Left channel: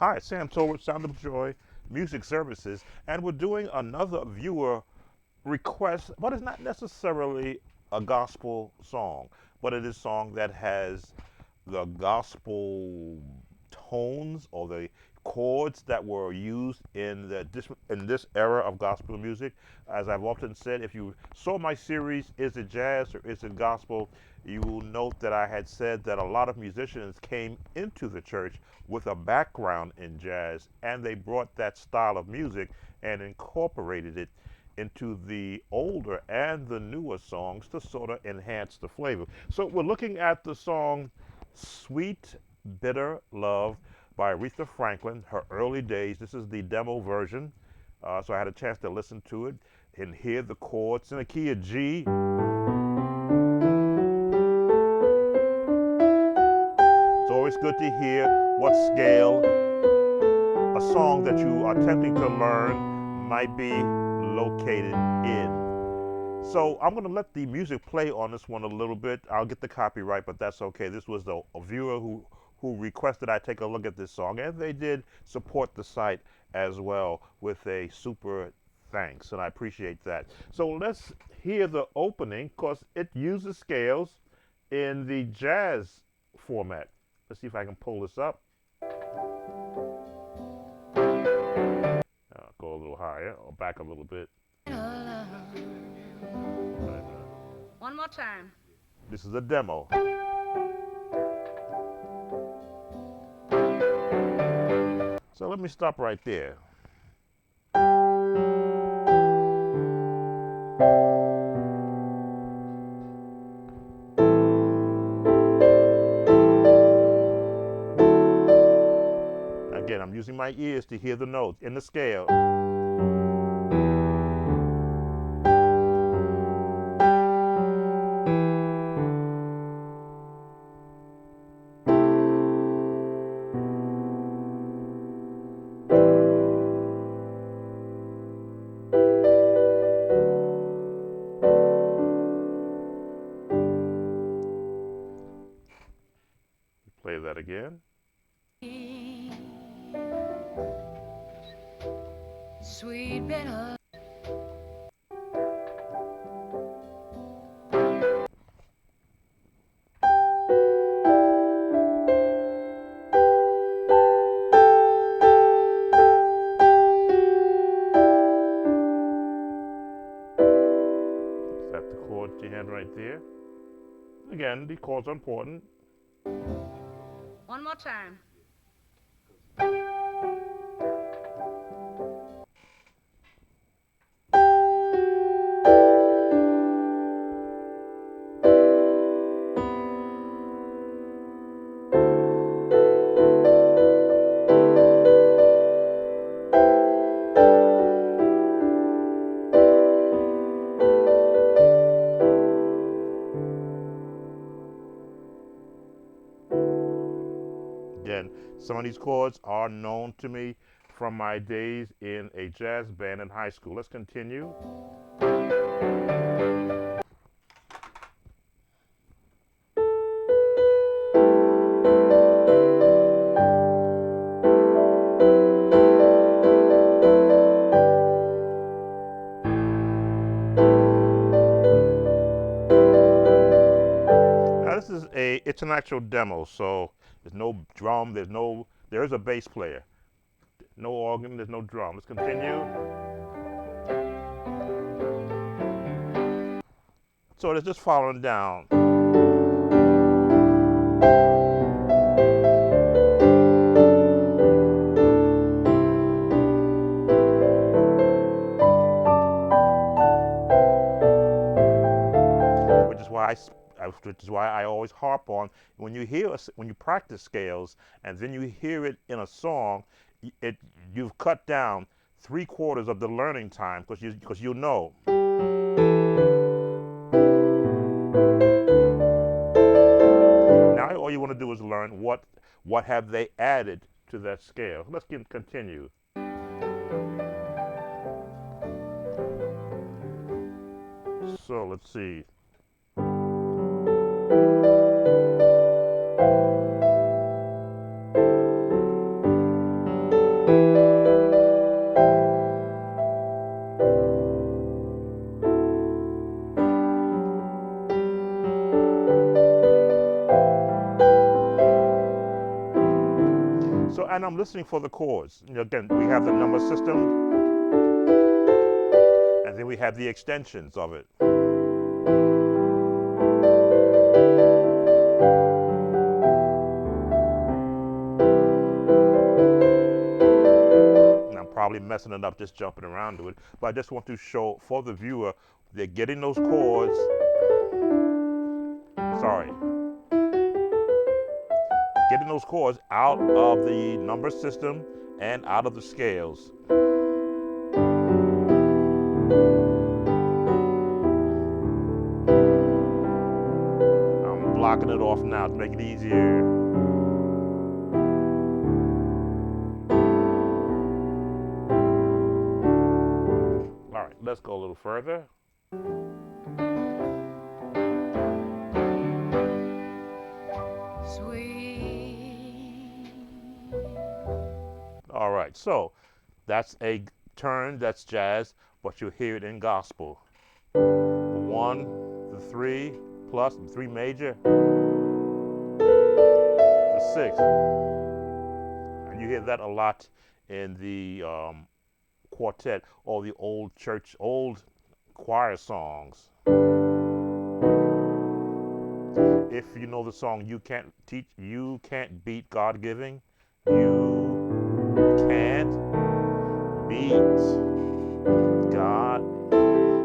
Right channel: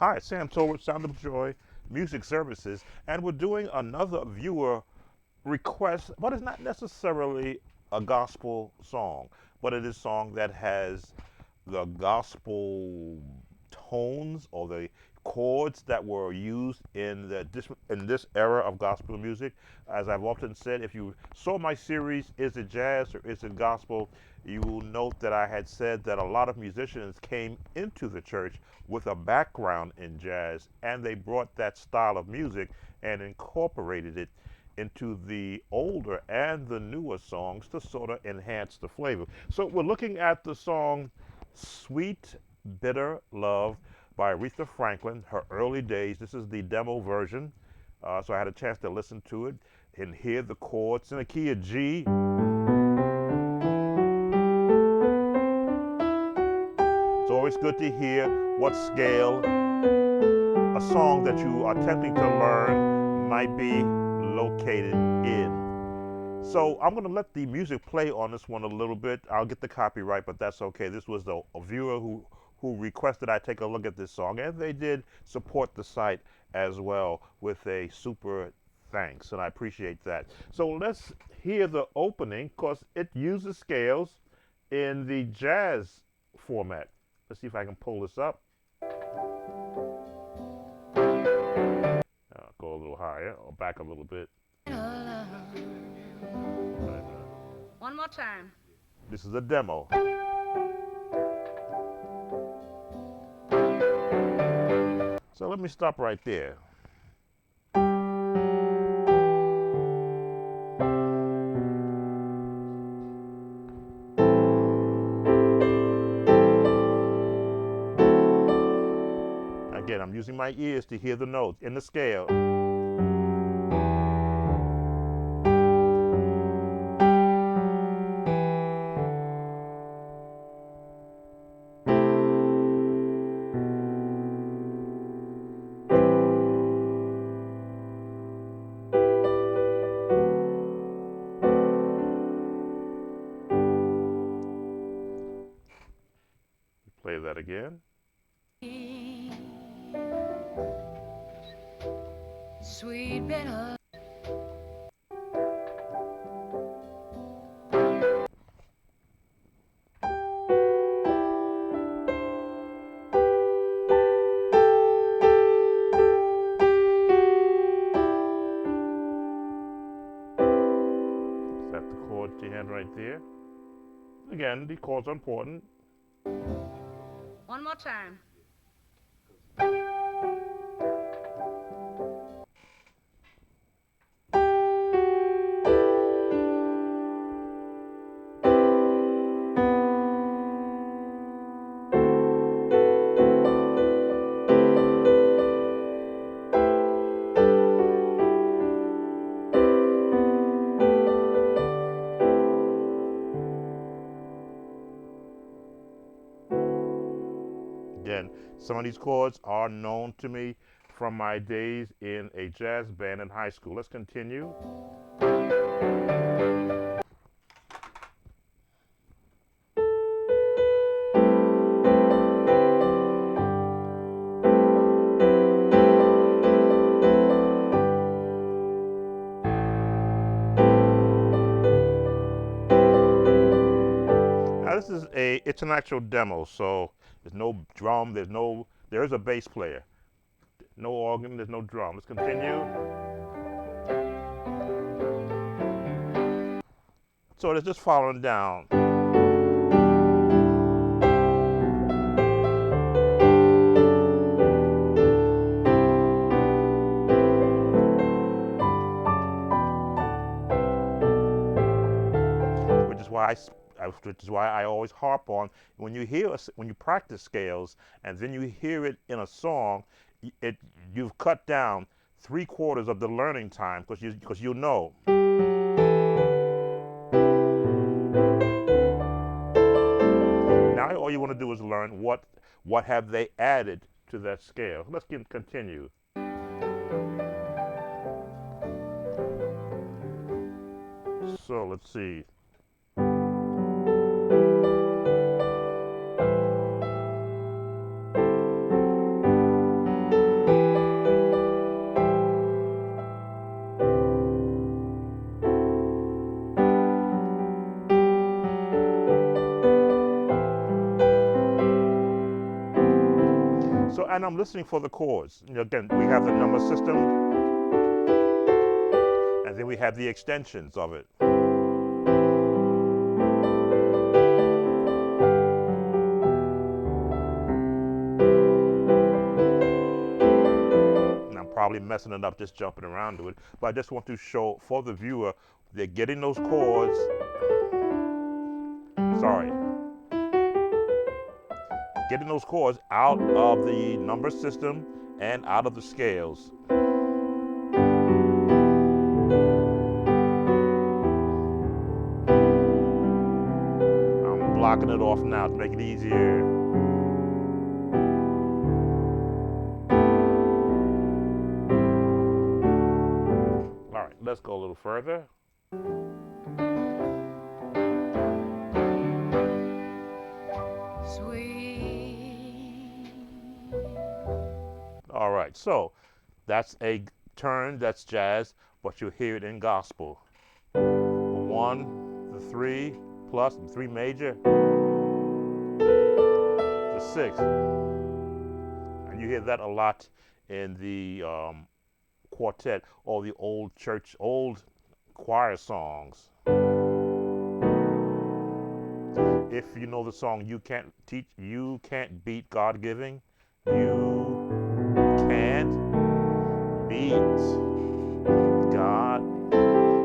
Hi, Sam Tolbert, Sound of Joy Music Services, and we're doing another viewer request, but it's not necessarily a gospel song, but it is a song that has the gospel tones or the chords that were used in this era of gospel music. As I've often said, if you saw my series, Is It Jazz or Is It Gospel, you will note that I had said that a lot of musicians came into the church with a background in jazz, and they brought that style of music and incorporated it into the older and the newer songs to sort of enhance the flavor. So we're looking at the song Sweet Bitter Love by Aretha Franklin, her early days. This is the demo version. So I had a chance to listen to it and hear the chords in the key of G. It's always good to hear what scale a song that you are attempting to learn might be located in. So I'm going to let the music play on this one a little bit. I'll get the copyright, but that's okay. This was a viewer who requested I take a look at this song, and they did support the site as well with a super thanks, and I appreciate that. So let's hear the opening because it uses scales in the jazz format. Let's see if I can pull this up. Go a little higher or back a little bit. One more time. This is a demo. So let me stop right there. Again, I'm using my ears to hear the notes in the scale. Play that again. Sweet bitter. Is that the chord you had right there? Again, the chords are important. One more time. Again, some of these chords are known to me from my days in a jazz band in high school. Let's continue. Now this is it's an actual demo, so there's no drum, there is a bass player. No organ, there's no drum. Let's continue. So it's just following down. Which is why I always harp on when you practice scales and then you hear it in a song, you've cut down 3/4 of the learning time because you know. Now all you want to do is learn what have they added to that scale. Let's continue. So let's see. So, and I'm listening for the chords. Again, we have the number system, and then we have the extensions of it. And I'm probably messing it up just jumping around to it, but I just want to show for the viewer they're getting those chords. Sorry, getting those chords out of the number system and out of the scales. I'm blocking it off now to make it easier. All right, let's go a little further. Sweet. All right, so that's a turn, that's jazz, but you'll hear it in gospel. The 1, the 3 plus, the 3 major, the 6. And you hear that a lot in the quartet or the old church, old choir songs. If you know the song You Can't Beat God Giving, you can't beat God.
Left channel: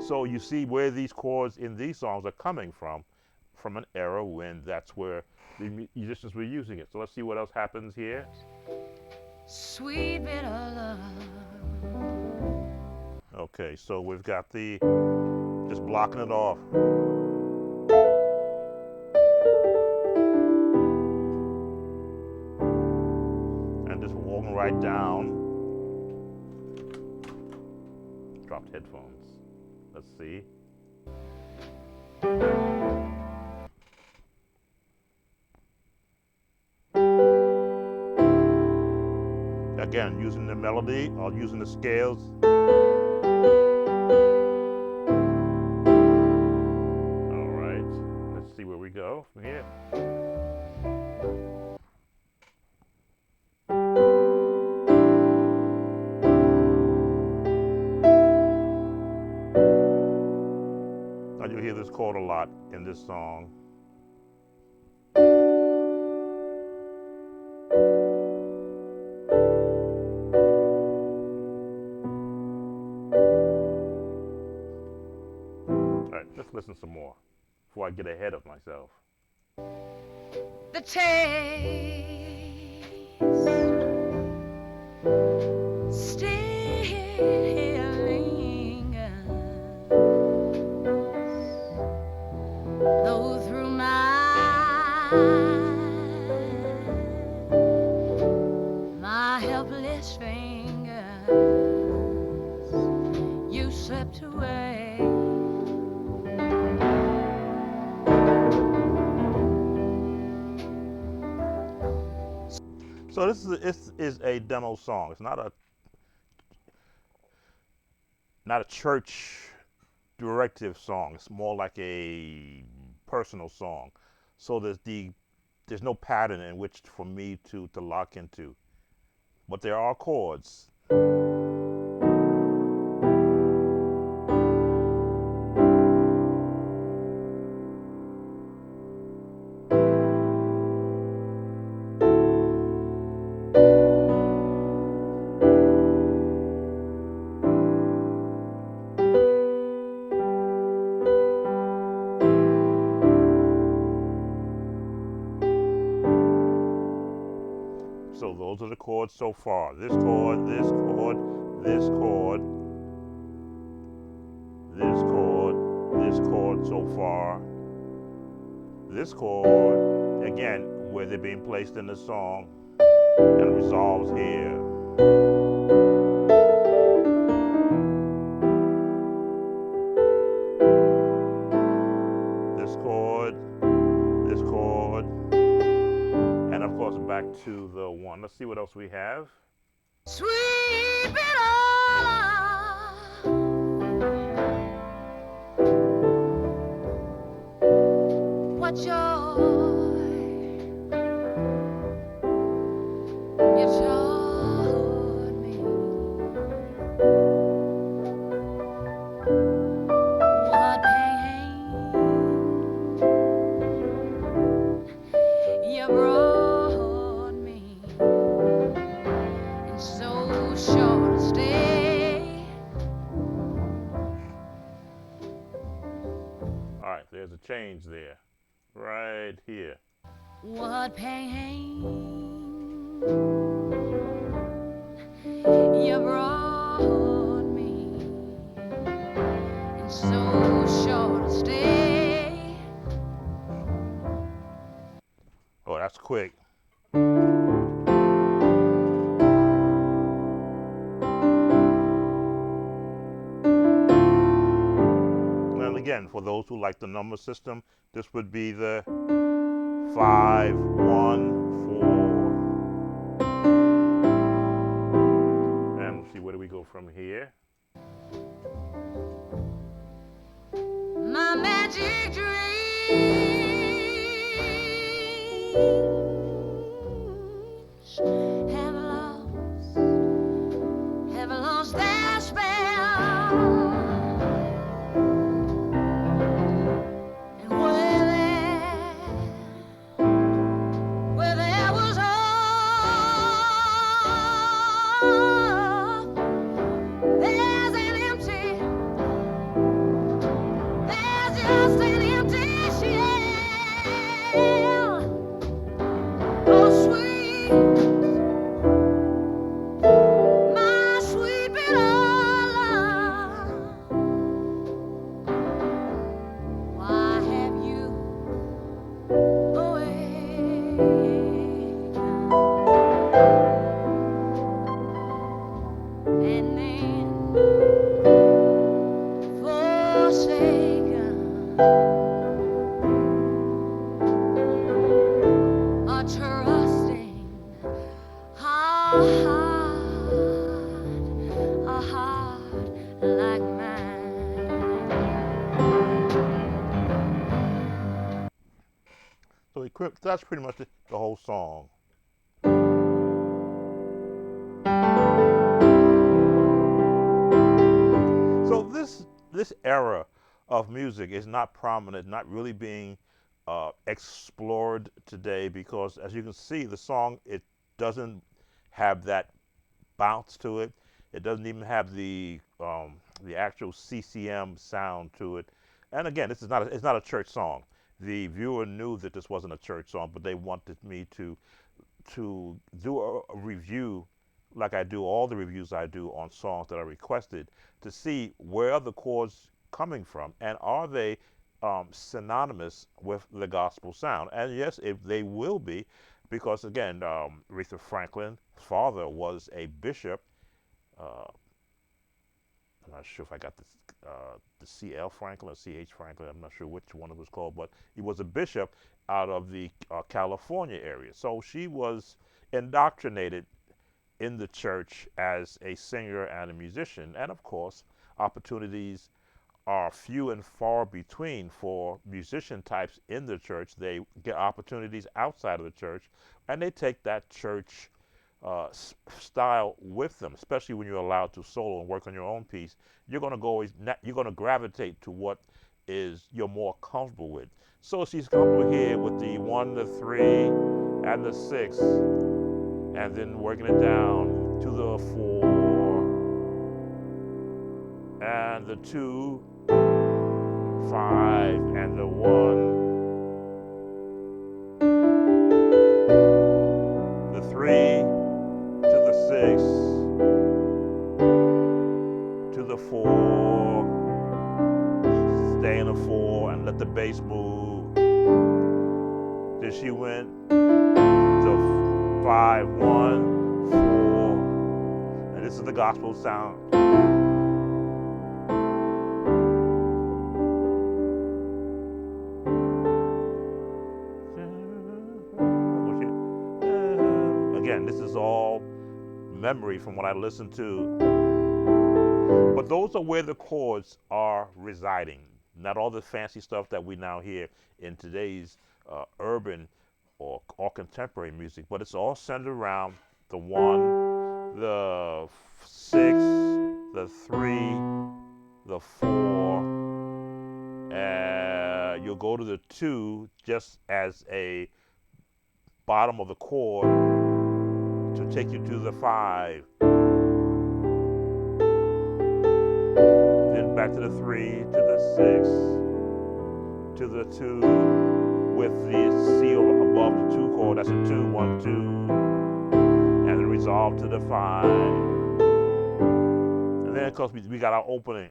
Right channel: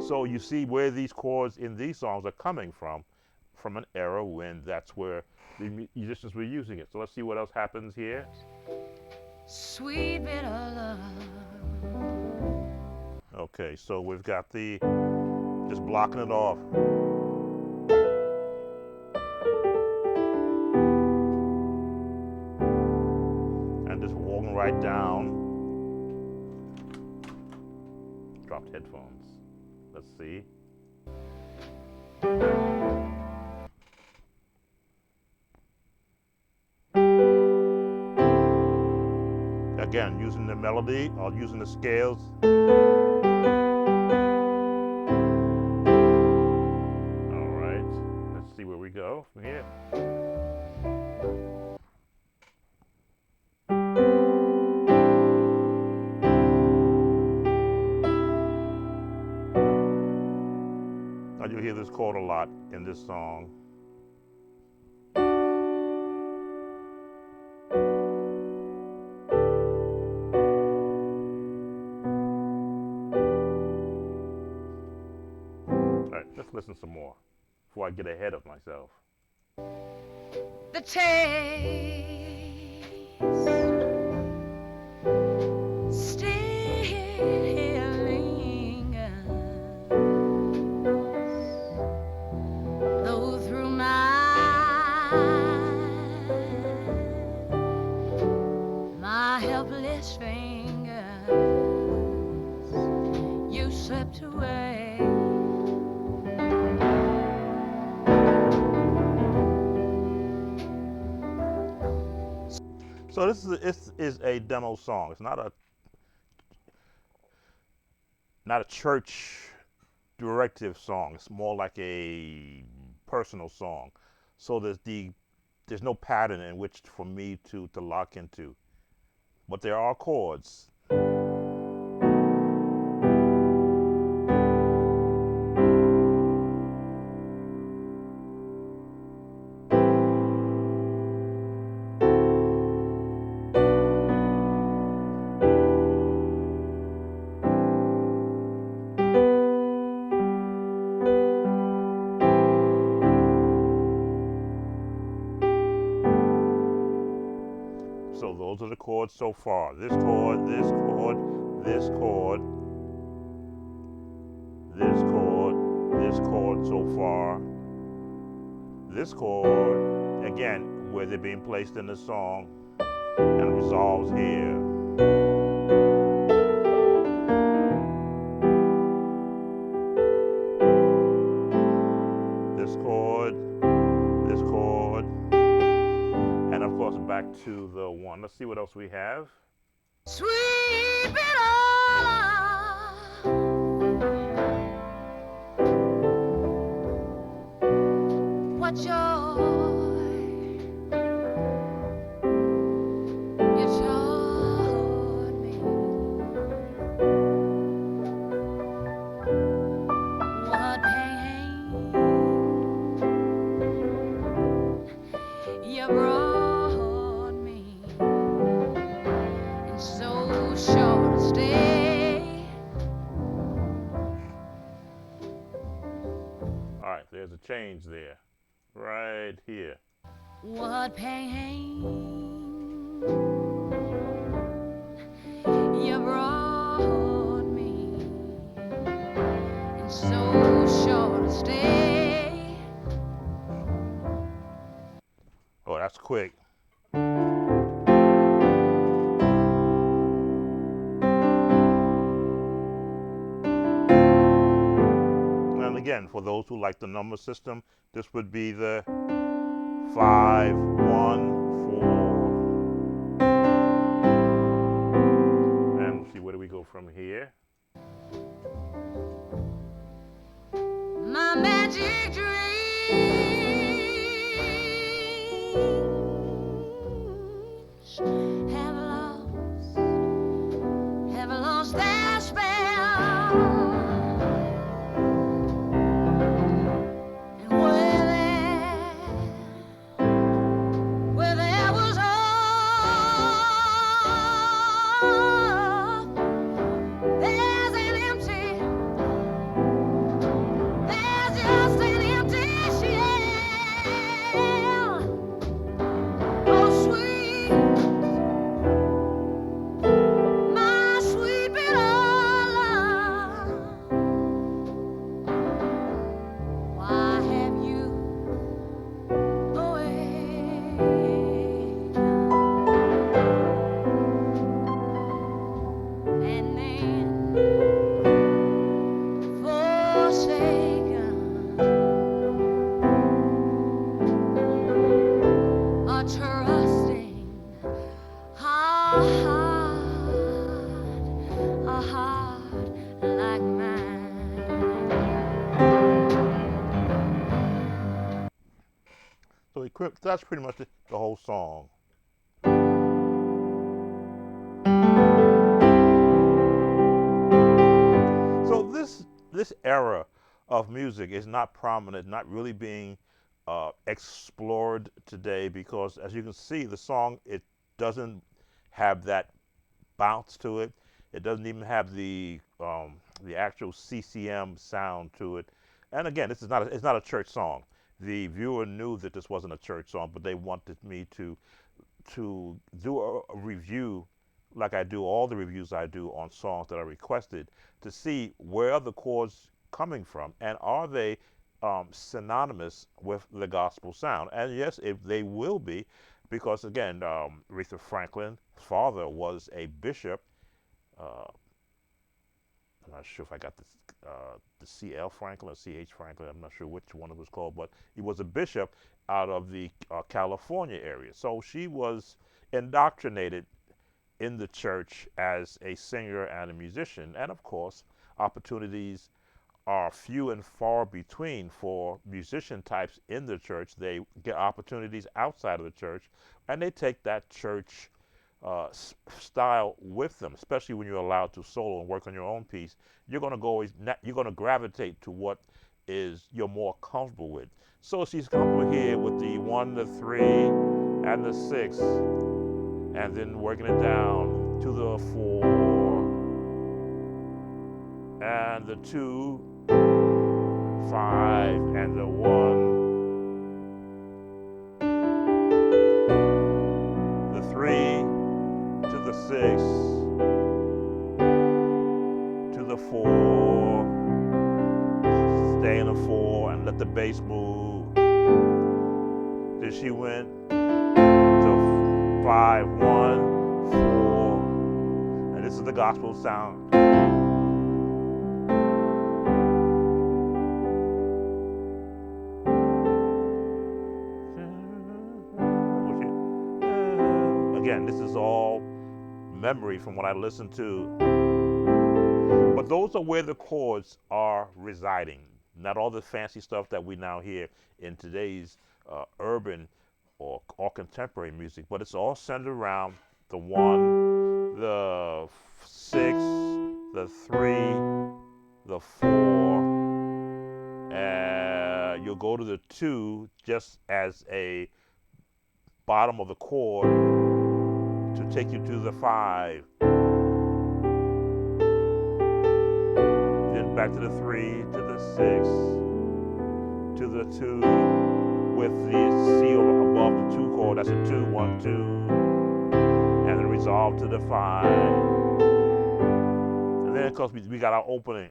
So you see where these chords in these songs are coming from an era when that's where the musicians were using it. So let's see what else happens here. Sweet bitter love. Okay, so we've got the, just blocking it off. And just walking right down. Dropped headphones. Let's see. Again, using the melody or using the scales. All right, let's see where we go from here. Now you'll hear this chord a lot in this song. All right, let's listen some more before I get ahead of myself. The taste still lingers, though through my helpless fingers you slipped away. So this is a demo song. It's not a church directive song. It's more like a personal song. So there's no pattern in which for me to lock into. But there are chords. So those are the chords so far. This chord, this chord, this chord, this chord, this chord so far. This chord, again, where they're being placed in the song and resolves here. This chord, and of course back to the 1. Let's see what else we have. Sweet bitter love. What joy you change there. Right here. What pain you brought me in so short a stay. Oh, that's quick. And again, for those who like the number system, this would be the 5-1-4. And we'll see where do we go from here. My magic dreams have lost their spell. And where there was hope, there's an empty. There's just an empty shell. Oh, sweet, my sweet Viola, why have you awakened and then forsaken a trusting heart, a heart like mine? So that's pretty much the whole song. So this era of music is not prominent, not really being explored today because, as you can see, the song it doesn't have that bounce to it. It doesn't even have the actual CCM sound to it. And again, this is not it's not a church song. The viewer knew that this wasn't a church song, but they wanted me to do a review like I do all the reviews I do on songs that are requested to see where are the chords coming from and are they synonymous with the gospel sound. And yes, if they will be, because again, Aretha Franklin's father was a bishop. Uh, I'm not sure if I got the C.L. Franklin or C.H. Franklin. I'm not sure which one it was called, but he was a bishop out of the California area. So she was indoctrinated in the church as a singer and a musician. And of course, opportunities are few and far between for musician types in the church. They get opportunities outside of the church, and they take that church style with them. Especially when you're allowed to solo and work on your own piece, you're going to you're going to gravitate to what is you're more comfortable with. So she's comfortable here with the 1, the 3, and the 6, and then working it down to the 4 and the 2, 5, and the 1, the 3 to the 6 to the 4, stay in the 4 and let the bass move. Then she went to 5, 1, 4, and this is the gospel sound. Again, this is all memory from what I listened to. But those are where the chords are residing. Not all the fancy stuff that we now hear in today's urban or contemporary music, but it's all centered around the 1, the 6, the 3, the 4, and you'll go to the 2 just as a bottom of the chord to take you to the 5. Then back to the 3, to the 6, to the 2 with the C above the 2 chord. That's a 2, 1, 2, and then resolve to the 5. And then of course we got our opening.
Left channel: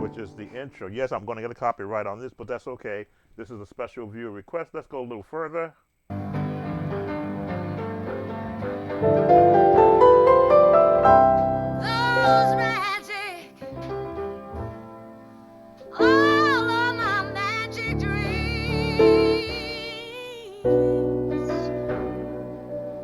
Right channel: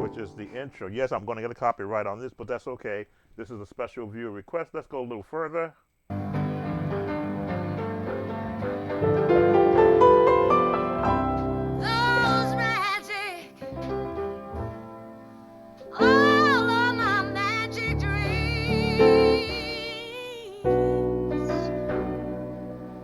Which is the intro. Yes, I'm going to get a copyright on this, but that's okay. This is a special viewer request. Let's go a little further. Those magic, all of my magic dreams,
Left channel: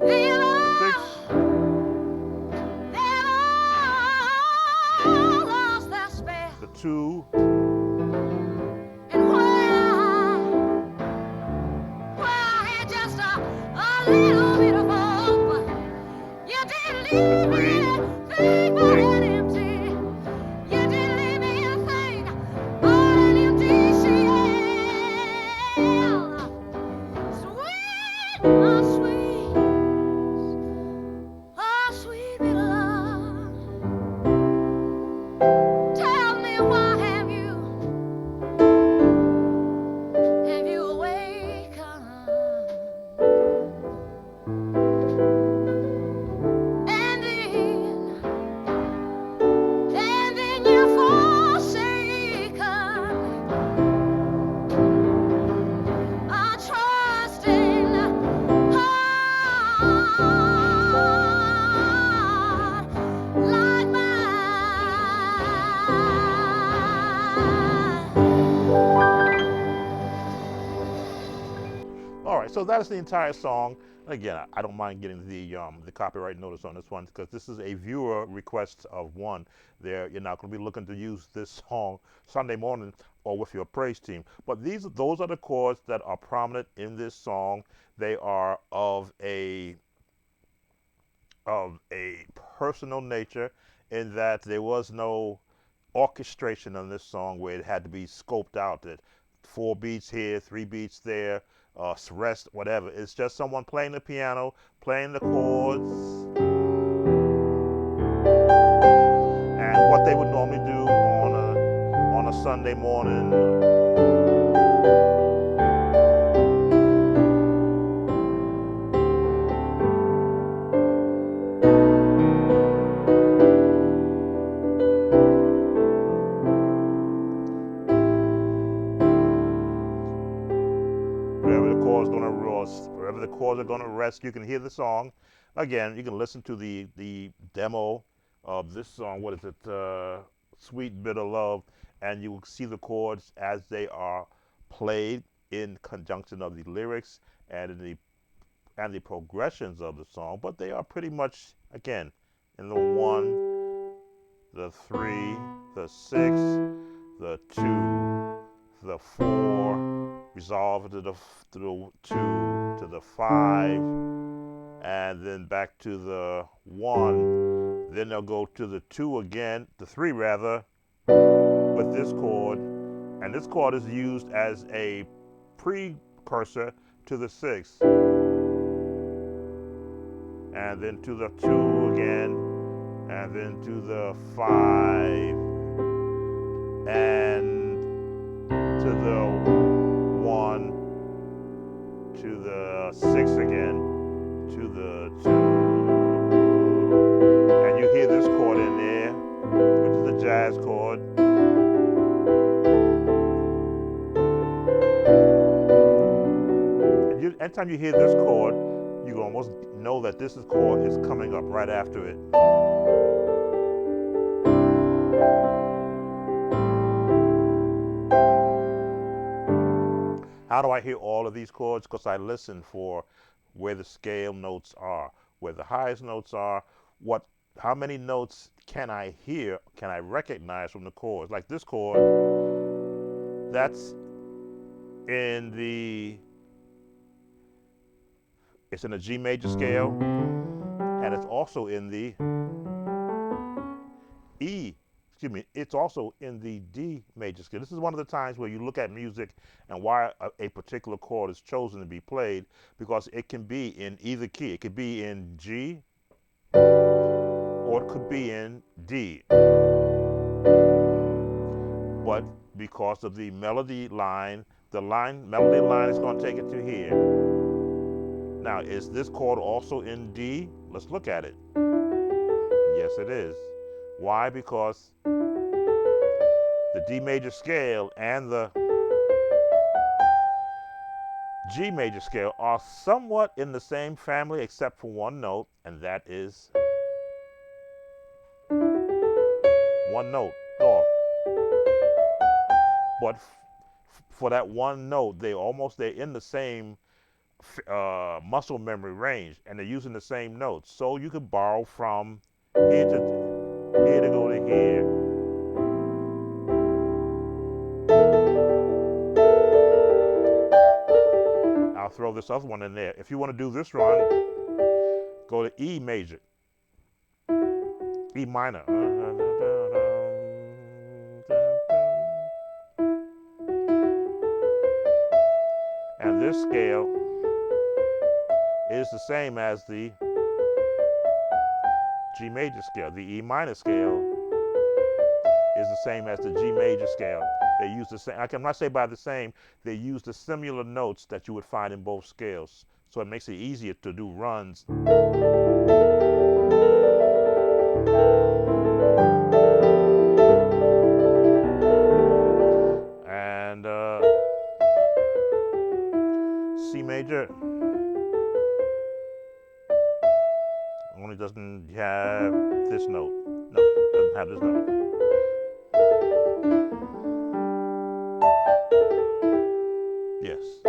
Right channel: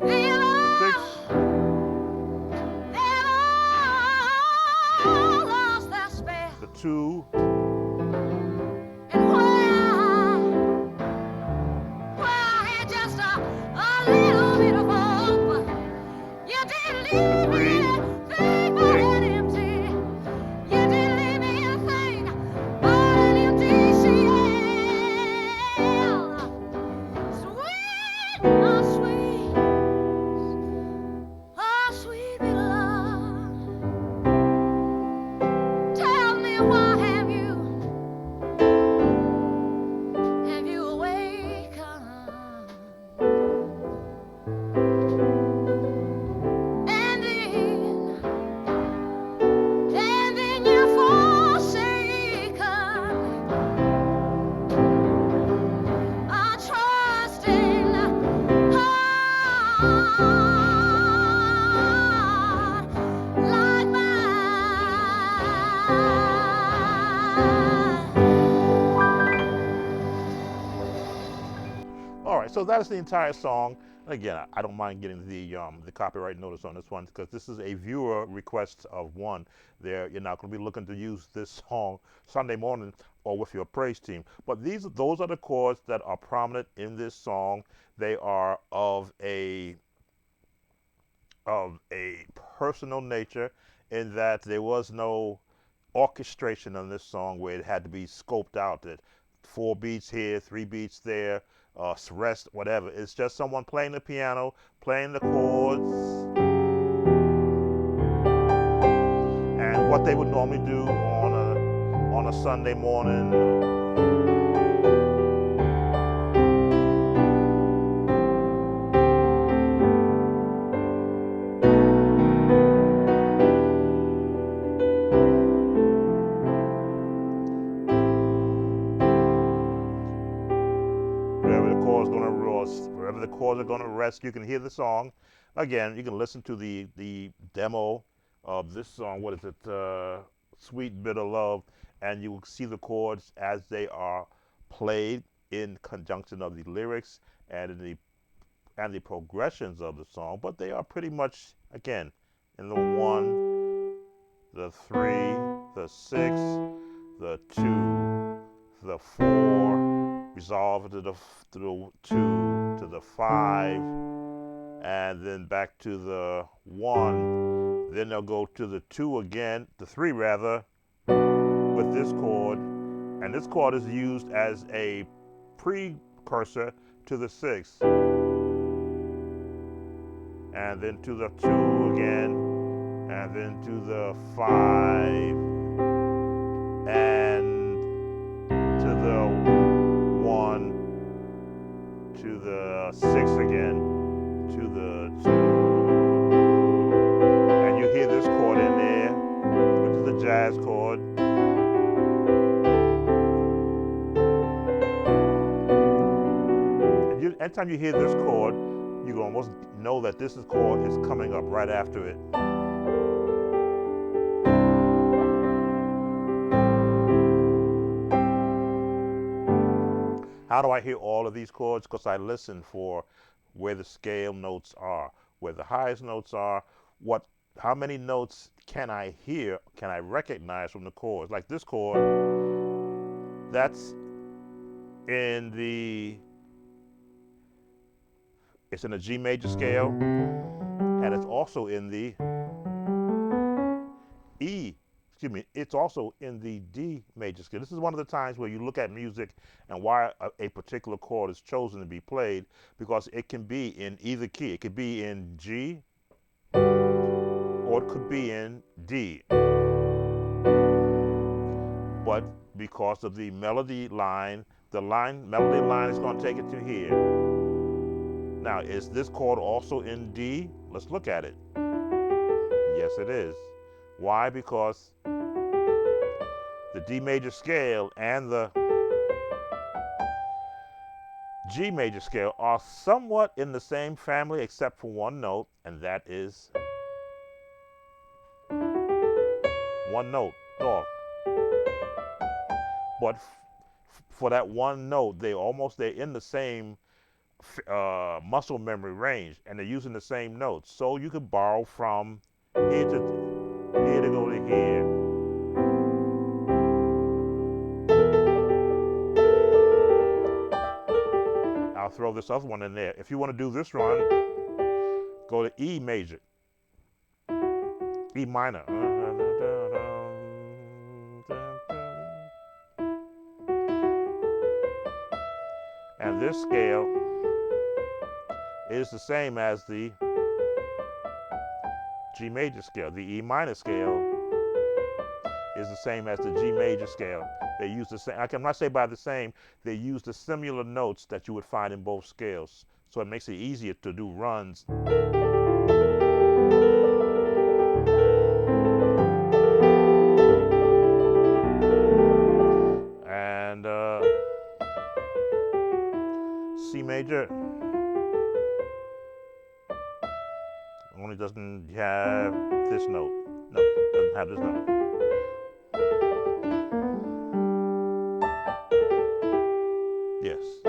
they've The 6, all lost their spell. the 2, And where I had just a little bit of hope, you didn't the leave me 3, anything but an empty. You didn't leave me anything but an empty shell. Sweet, my sweet, oh sweet little love. Tell me why have you awakened? And then you're forsaken a trusting heart like mine. All right, so that's the entire song. Again, I don't mind getting the copyright notice on this one because this is a viewer request of one. There, you're not going to be looking to use this song Sunday morning or with your praise team. But those are the chords that are prominent in this song. They are of a personal nature in that there was no orchestration on this song where it had to be scoped out that 4 beats here, 3 beats there, rest, whatever. It's just someone playing the piano, playing the chords, and what they would normally do on a Sunday morning. Wherever the chords are going to rest, you can hear the song. Again, you can listen to the demo of this song. What is it? Sweet Bitter Love, and you will see the chords as they are played in conjunction of the lyrics and the progressions of the song. But they are pretty much again in the 1, the 3, the 6, the 2, the 4, resolve to the 2, to the 5, and then back to the 1. Then they'll go to the 2 again, the 3 rather, with this chord. And this chord is used as a precursor to the 6. And then to the 2 again, and then to the 5, and to the 1, to the 6 again, to the 2. And you hear this chord in there, which is the jazz chord. And anytime you hear this chord, you can almost know that this chord is coming up right after it. How do I hear all of these chords? Because I listen for where the scale notes are, where the highest notes are, how many notes can I hear, can I recognize from the chords? Like this chord, that's it's in a G major scale, and it's also in the E excuse me, it's also in the D major scale. This is one of the times where you look at music and why a particular chord is chosen to be played, because it can be in either key. It could be in G or it could be in D. But because of the melody line, melody line is going to take it to here. Now, is this chord also in D? Let's look at it. Yes, it is. Why? Because the D major scale and the G major scale are somewhat in the same family except for one note, and that is one note off. But for that one note, they're in the same muscle memory range, and they're using the same notes. So you could borrow from here to go to here. I'll throw this other one in there. If you want to do this run, go to E major, E minor. And this scale is the same as the G major scale. The E minor scale is the same as the G major scale. They use the same, I cannot say by the same, they use the similar notes that you would find in both scales. So it makes it easier to do runs. And C major only doesn't have this note. No, doesn't have this note. Yes.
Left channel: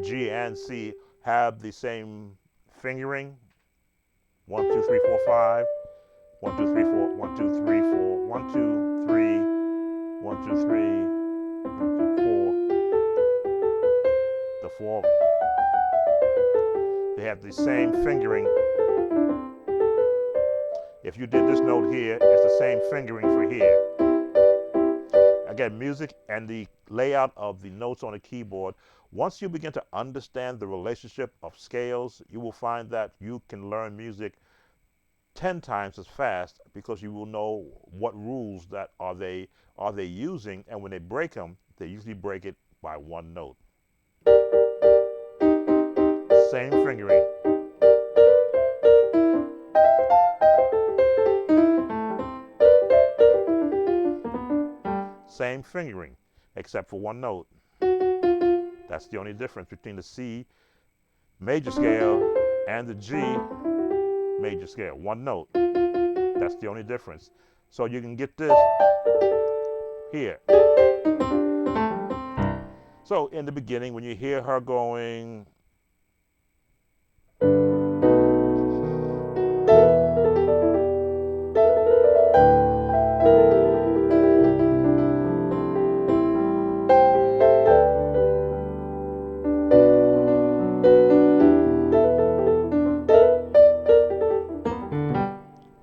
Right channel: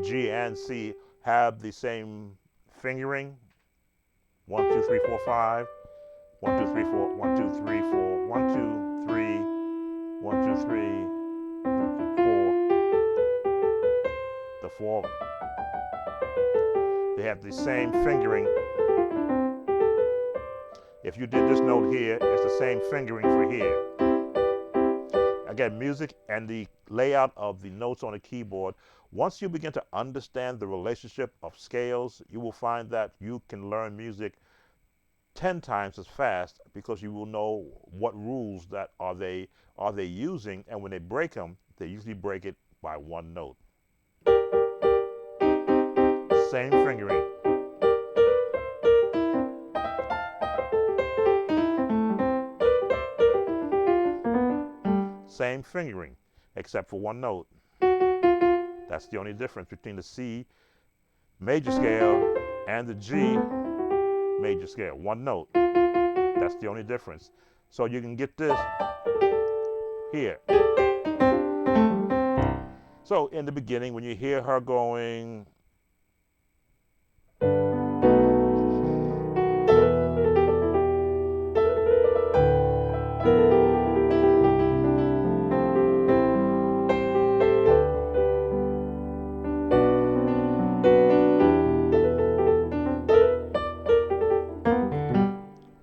G and C have the same fingering. 1, 2, 3, 4, 5. 1, 2, 3, 4. 1, 2, 3, 4. 1, 2, 3. 1, 2, 3. 1, 2, 4. The 4. They have the same fingering. If you did this note here, it's the same fingering for here. Again, music and the layout of the notes on a keyboard, once you begin to understand the relationship of scales, you will find that you can learn music 10 times as fast, because you will know what rules that are they using, and when they break them, they usually break it by one note. Same fingering. Same fingering, except for one note. That's the only difference between the C major scale and the G major scale. One note. That's the only difference. So you can get this here. So in the beginning, when you hear her going,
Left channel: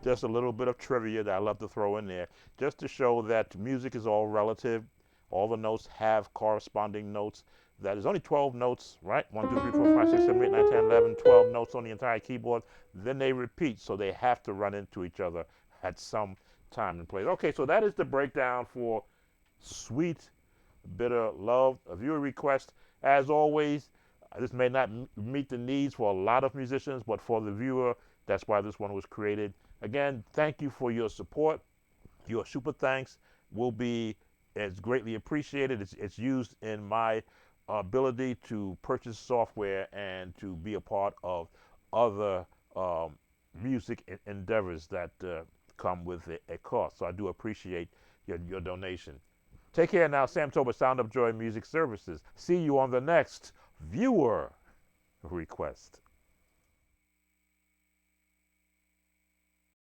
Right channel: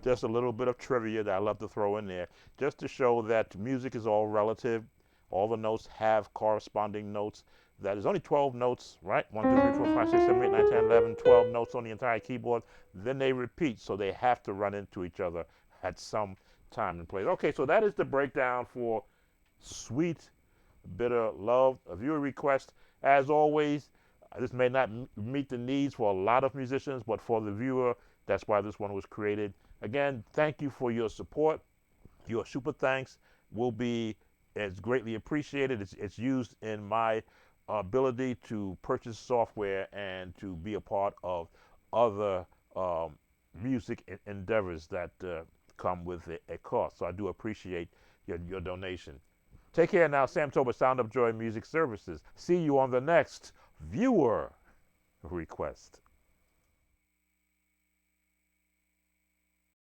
just a little bit of trivia that I love to throw in there, just to show that music is all relative. All the notes have corresponding notes. That is only 12 notes, right? 1, 2, 3, 4, 5, 6, 7, 8, 9, 10, 11, 12 notes on the entire keyboard. Then they repeat, so they have to run into each other at some time and place. Okay, so that is the breakdown for Sweet Bitter Love, a viewer request. As always, this may not meet the needs for a lot of musicians, but for the viewer, that's why this one was created. Again, thank you for your support. Your super thanks will be as greatly appreciated. It's used in my ability to purchase software and to be a part of other music endeavors that come with a cost. So I do appreciate your donation. Take care now. Sam Tober, Sound of Joy Music Services. See you on the next viewer request.